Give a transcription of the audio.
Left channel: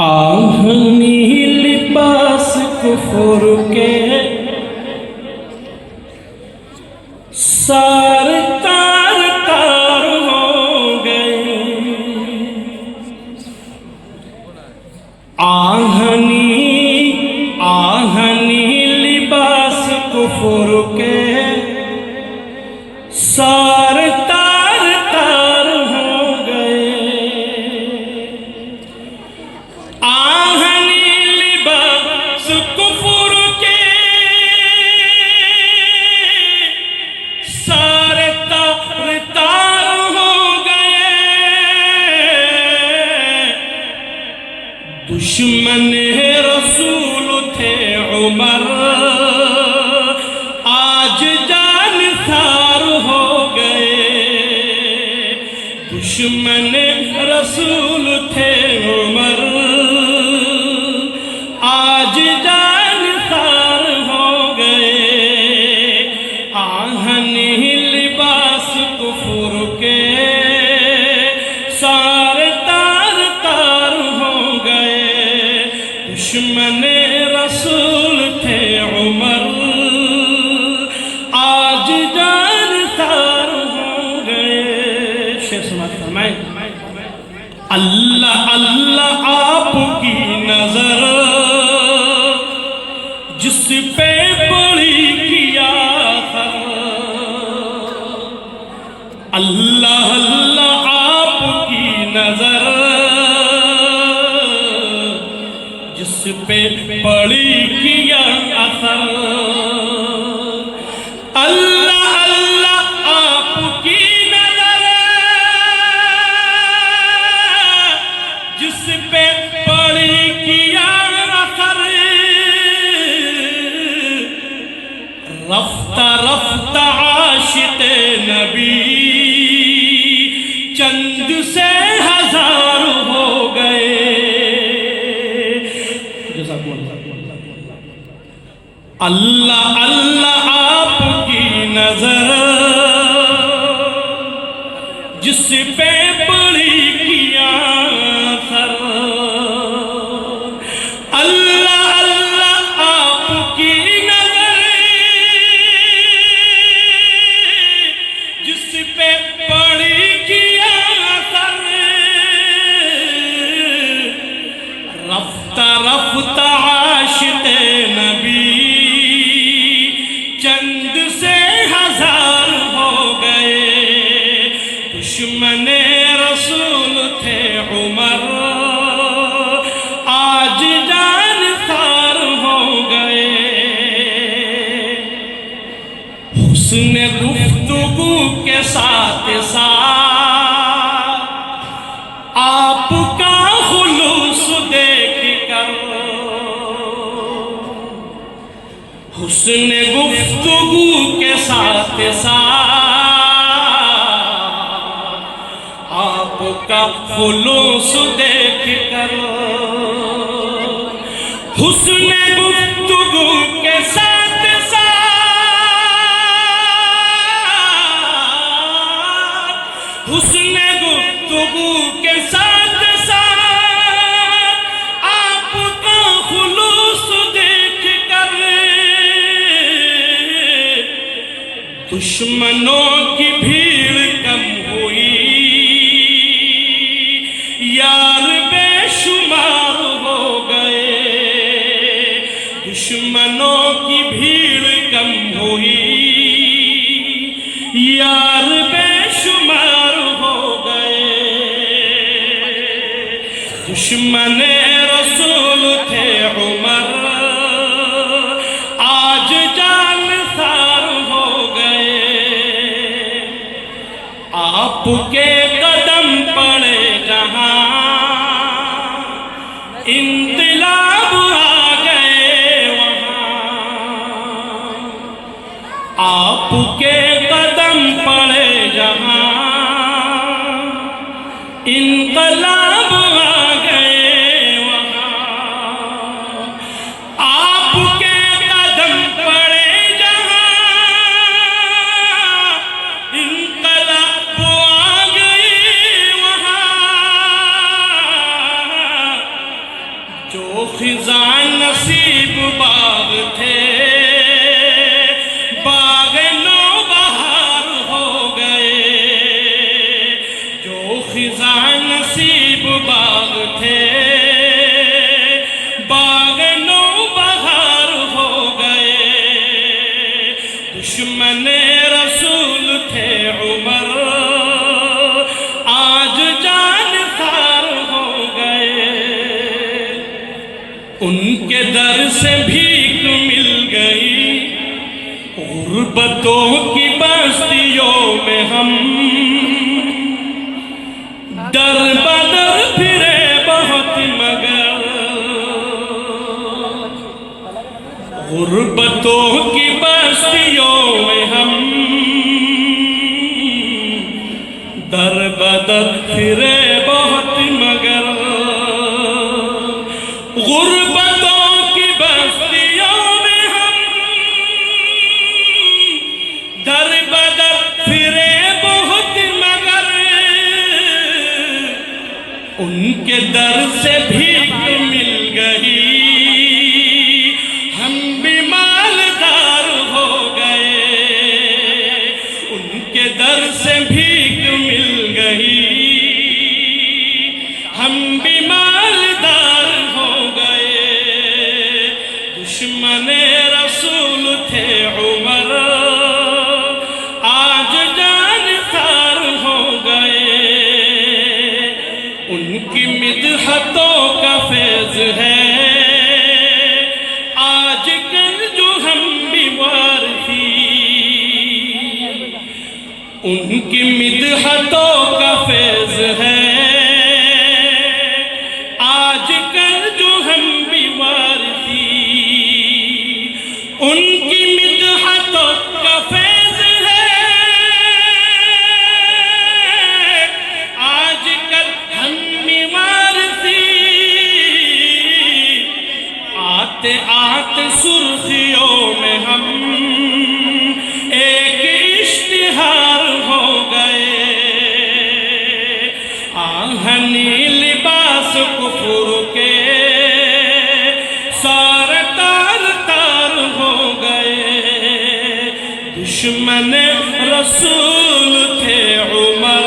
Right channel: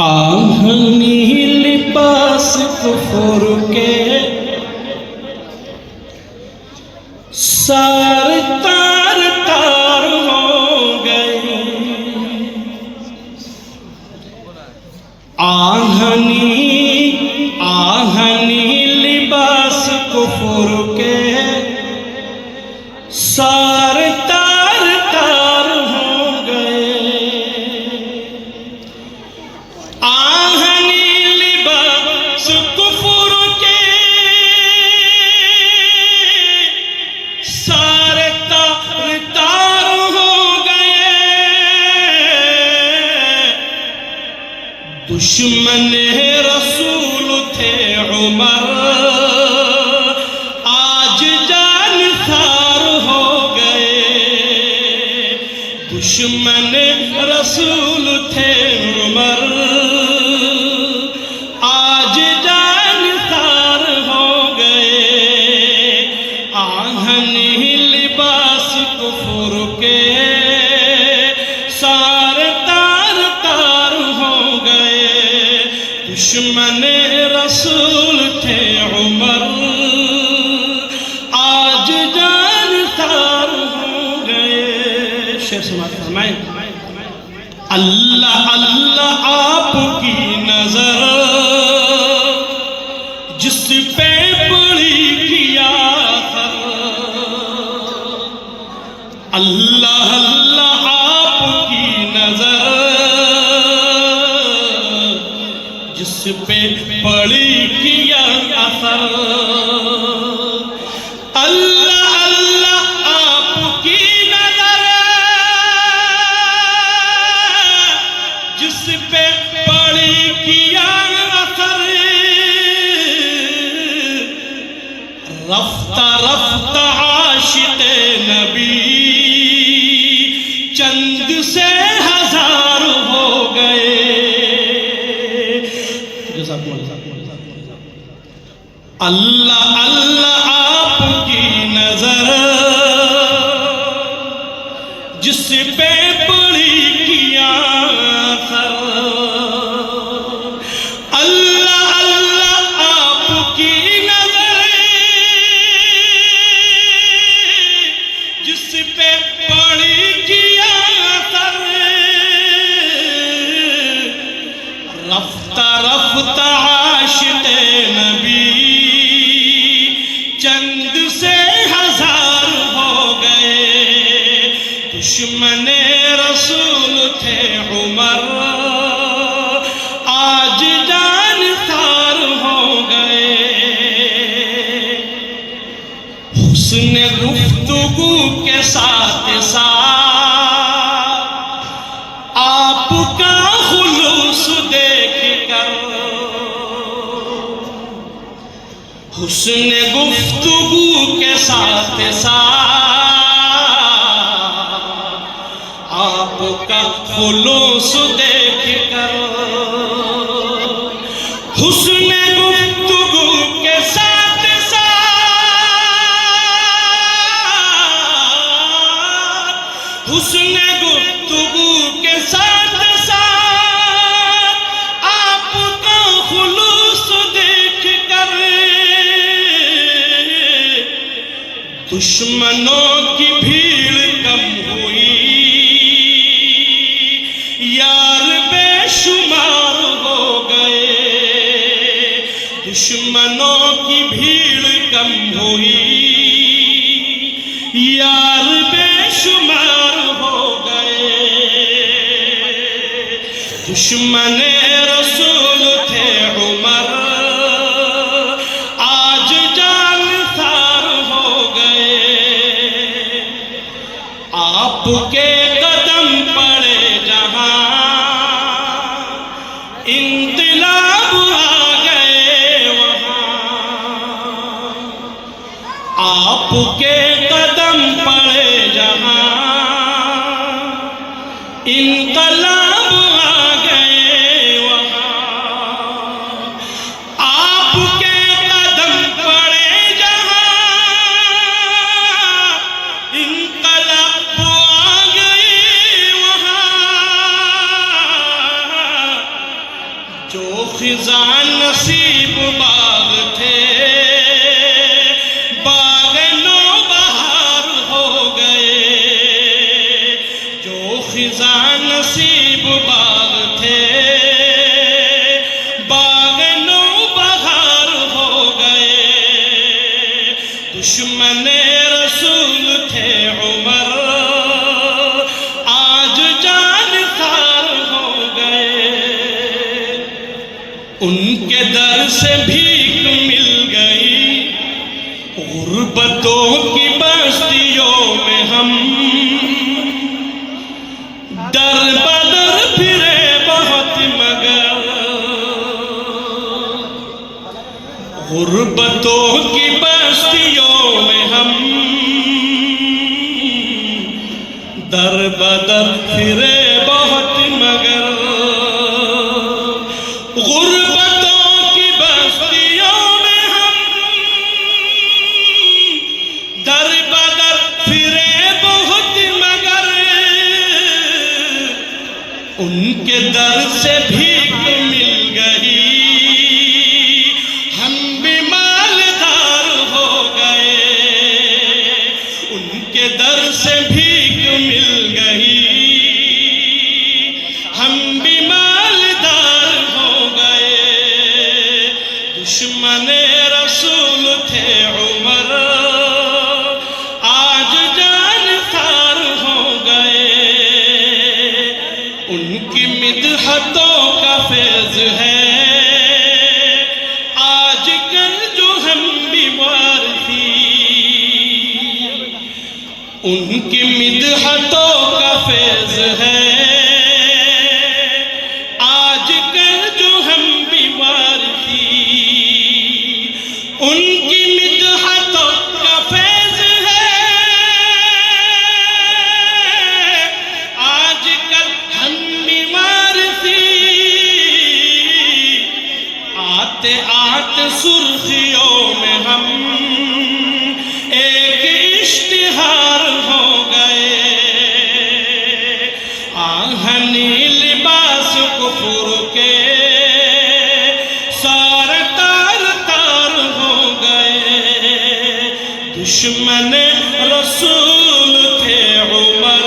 آہنی لباس کفر کے سارے تار تار ہو گئے، آہنی لباس کفر کے سارے تار تار ہو گئے، آہنی لباس کفر کے سارے تار تار ہو گئے، دشمن رسول تھے عمر آج جان ثار ہو گئے، دشمن رسول تھے عمر آج جان ثار ہو گئے، آہنی لباس کفر کے سارے تار تار ہو گئے، دشمن رسول تھے عمر آج جان ثار ہو گئے۔ شعر سماعت فرمائیں۔ اللہ اللہ آپ کی نظر جس پہ پڑی کیا تھا، اللہ اللہ آپ کی نظر جس پہ پڑی کیا تھا، اللہ اللہ آپ کی نظر جس پہ پڑی کیا اثر، رفتہ رفتہ عاشق نبی چند سے ہزار ہو گئے، اللہ اللہ آپ کی نظر جس پہ پڑی کیا اثر، اللہ اللہ آپ کی نظر جس پہ پڑی کیا اثر، رفتہ رفتہ عاشق نبی چند سے ہزار ہو گئے، دشمن رسول تھے عمر آج جان ثار ہو گئے، حسن گفتگو کے ساتھ ساتھ آپ کا خلوص دیکھ کر، حسن گفتگو کے ساتھ ساتھ آپ کا خلوص دیکھ کر، حسن گفتگو کے ساتھ ساتھ حسن گفتگو کے ساتھ ساتھ آپ کا خلوص دیکھ کر، دشمنوں کی بھیڑ کم ہوئی، یار بے شمار ہو گئے، دشمنوں کی بھیڑ کم ہوئی، یار بے شمار ہو گئے، دشمن رسول تھے عمر آج جان ثار ہو گئے، آپ کے قدم پڑے جہاں انقلاب آ گئے وہاں، آپ کے قدم پڑے جہاں انقلاب آ گئے وہاں، آپ کے قدم پڑے جہاں انقلاب آ گئے وہاں، خزاں نصیب باغ تھے باغ نو بہار ہو گئے، جو خزاں نصیب باغ تھے باغ نو بہار ہو گئے، دشمن رسول تھے عمر آج جان خار ہو گئے، ان کے در سے بھیک مل گئی، غربتوں کی بستیوں میں ہم در بدر پھرے بہت مگر، غربتوں کی بستیوں میں ہم در بدر پھرے بہت مگر، غربتوں کی بستیوں میں ہم در بدر پھرے بہت مگر، ان کے در سے بھیک مل گئی، ہم بھی مالدار ہو گئے، ان کے در سے بھیک مل گئی، ہم بھی مالدار ہو گئے، دشمن رسول تھے عمر آج جان خار ہو گئے، ان کی مدحتوں کا فیض ہے آج کل جو ہم بیمار تھی، ان کی مدحتوں کا فیض ہے آج کل جو ہم بیمار تھی، ان کی مدحتوں کا فیض ہے آج کل ہم بیمار تھی، آتے آتے سرخیوں میں ہم ایک اشتہار ہو گئے، آہنی لباس کفر کے سارے تار تار ہو گئے، دشمن رسول تھے عمر